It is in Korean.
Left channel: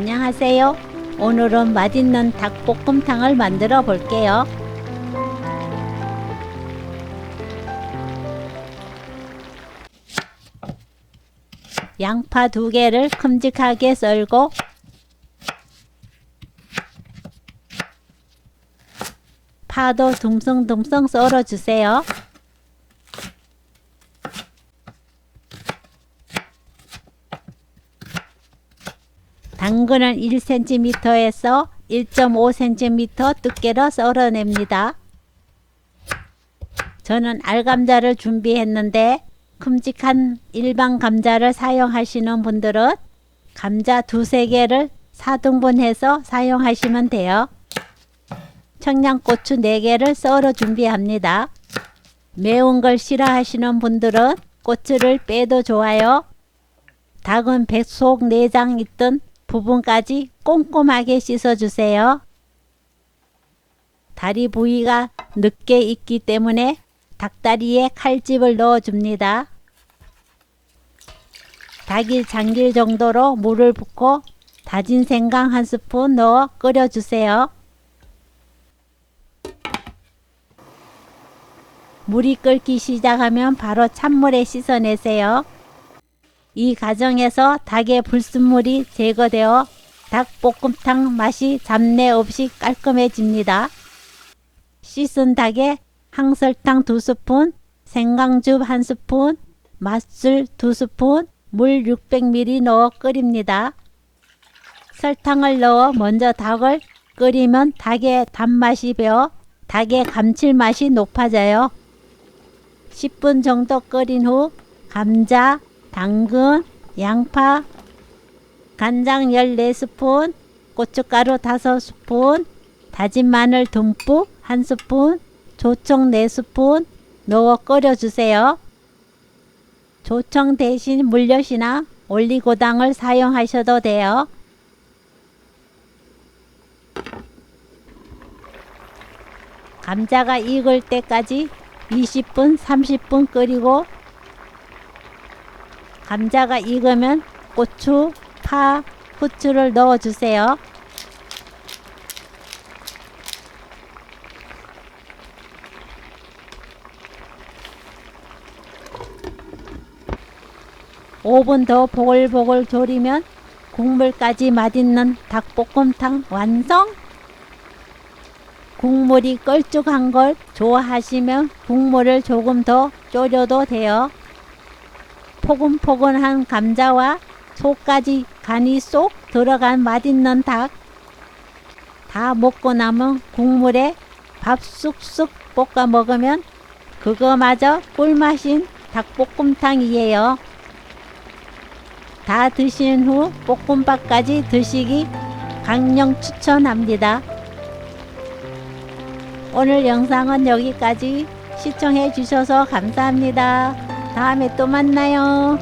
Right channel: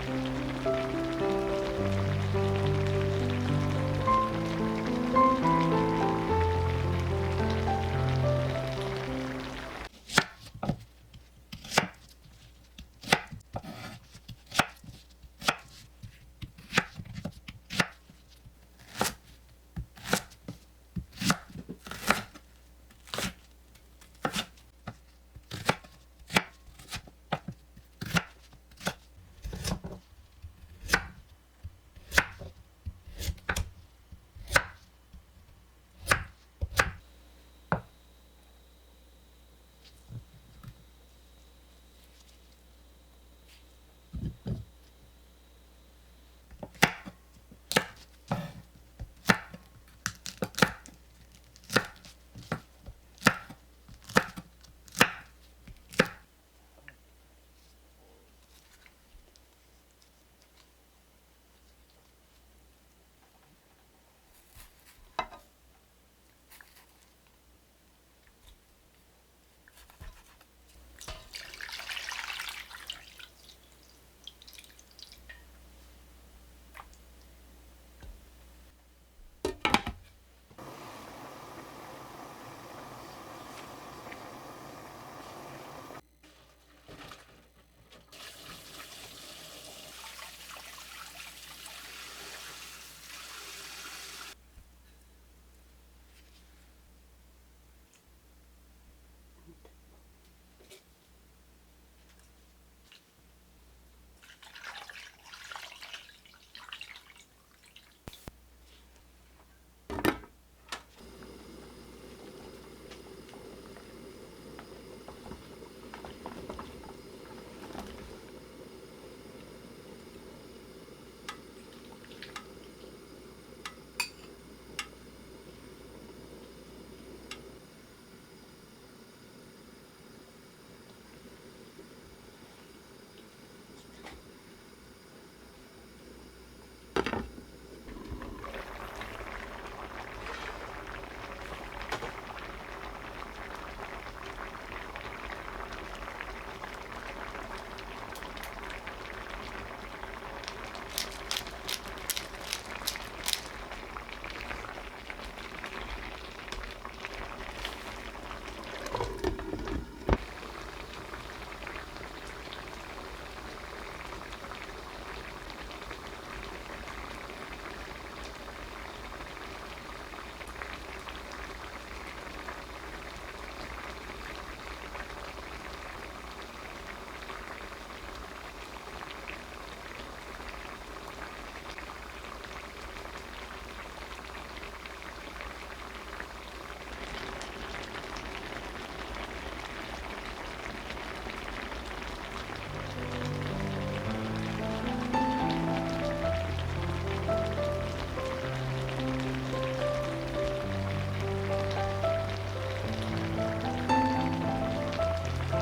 안녕하세요. 오늘은 맛있는 닭볶음탕을 만들어 볼게요. 양파 2개를 큼직하게 썰고 파도 둥성둥성 썰어 주세요. 당근은 1cm에서 1.5cm 두께로 썰어냅니다. 저는 알감자를 준비했는데 큼직한 일반 감자를 사용하시는 분들은 감자 2~3개를 4등분해서 사용하시면 돼요. 청양고추 4개를 썰어 준비합니다. 매운 걸 싫어하시는 분들은 고추를 빼도 좋아요. 닭은 뱃속 내장 있던 부분까지 꼼꼼하게 씻어주세요. 다리 부위가 늦게 익기 때문에 닭다리에 칼집을 넣어줍니다. 닭이 잠길 정도로 물을 붓고 다진 생강 1스푼 넣어 끓여주세요. 물이 끓기 시작하면 바로 찬물에 씻어내세요. 이 과정에서 닭의 불순물이 제거되어 닭볶음탕 맛이 잡내 없이 깔끔해집니다. 씻은 닭에 항설탕 2스푼, 생강즙 1스푼, 맛술 2스푼, 물 600ml 넣어 끓입니다. 설탕을 넣어 먼저 닭을 끓이면 닭의 단맛이 배어 닭의 감칠맛이 높아져요. 10분 정도 끓인 후 감자, 당근, 양파, 간장 14스푼, 고춧가루 5스푼, 다진 마늘 듬뿍 1스푼, 조청 4스푼 넣어 끓여주세요. 조청 대신 물엿이나 올리고당을 사용하셔도 돼요. 감자가 익을 때까지 20분, 30분 끓이고 감자가 익으면 고추, 파, 후추를 넣어주세요. (5분) 더 보글보글 졸이면 국물까지 맛있는 닭볶음탕 완성! 국물이 걸쭉한 걸 좋아하시면 국물을 조금 더 졸여도 돼요. 포근포근한 감자와 속까지 간이 쏙 들어간 맛있는 닭. 다 먹고 남은 국물에 밥 쑥쑥 볶아 먹으면 그거마저 꿀맛인 닭볶음탕이에요. 다 드신 후 볶음밥까지 드시기 강력 추천합니다. 오늘 영상은 여기까지. 시청해 주셔서 감사합니다. 다음에 또 만나요.